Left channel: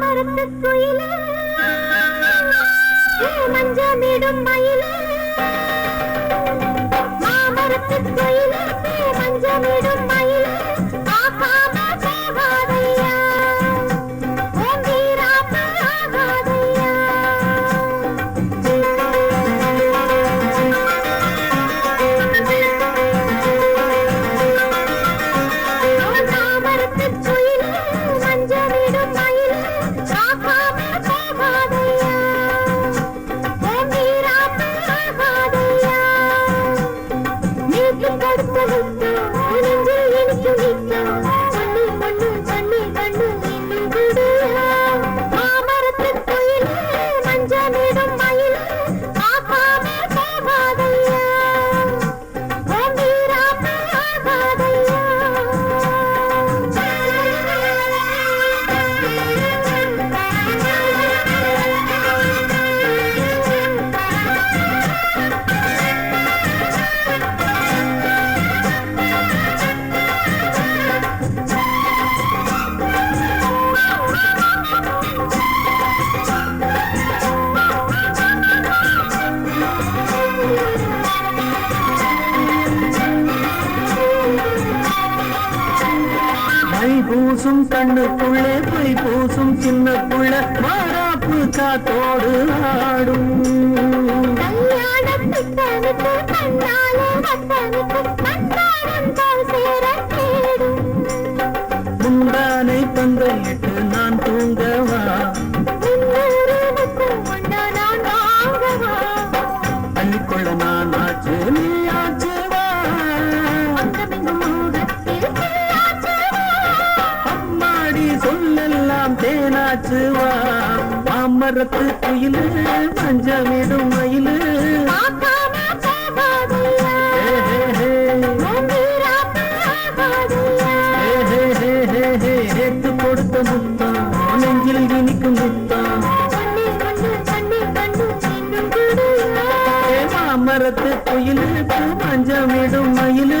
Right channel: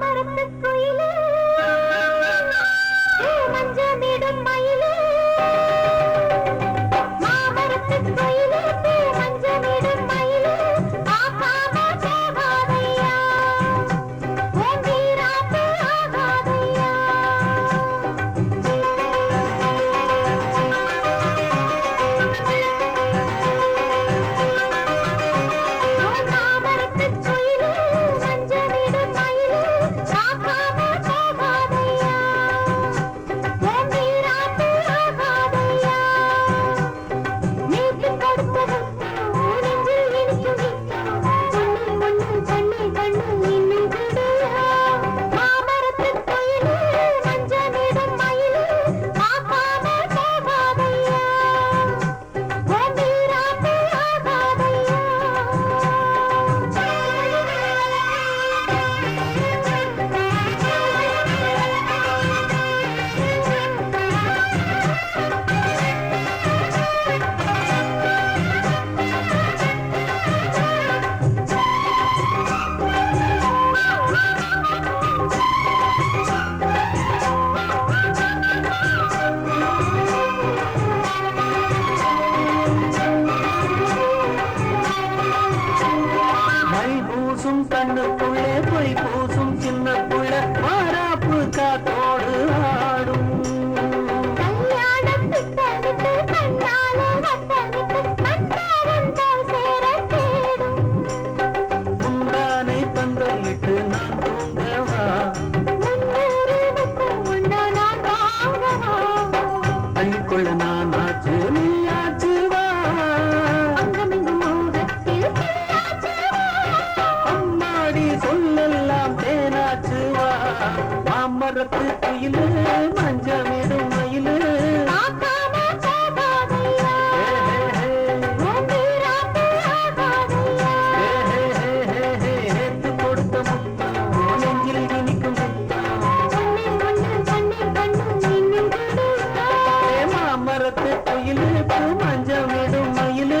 மரத்து குயிலே. மஞ்சமிடும் மயிலே. மாமரத்து குயிலே. மஞ்சமிடும் மயிலே. ஆகாம பூசும் கண்ணுக்குள்ளே பொய் பூசும் சின்ன புள்ள மாறாப்பு காத்தோடு ஆடும். முந்தானை பந்தலிட்டு நான் தூங்கவா? மாமரத்து குயிலு மஞ்சமிடும் மயிலு நேத்து கொடுத்த முத்தா நெஞ்சில் இனிக்கும் முத்தா மாமரத்து குயிலுக்கு மஞ்சமிடும் மயிலு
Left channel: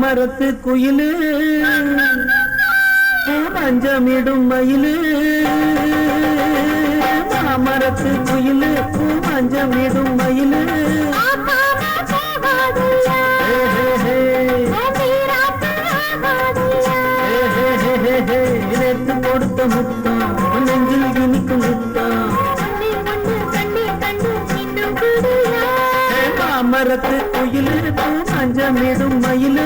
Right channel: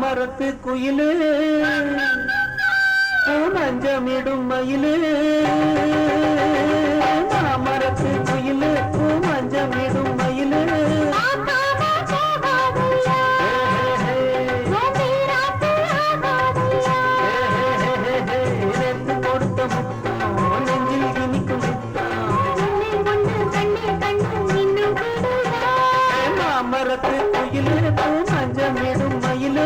மரத்து குயிலு மஞ்சமிடும் மயிலு. மாமரத்து குயிலு மஞ்சமிடும் மயிலு. கொடுத்த முத்தம் நெஞ்சில் இனிக்கும் முத்தம் மரத்து குயிலு பூ மஞ்சமிடும் மயிலு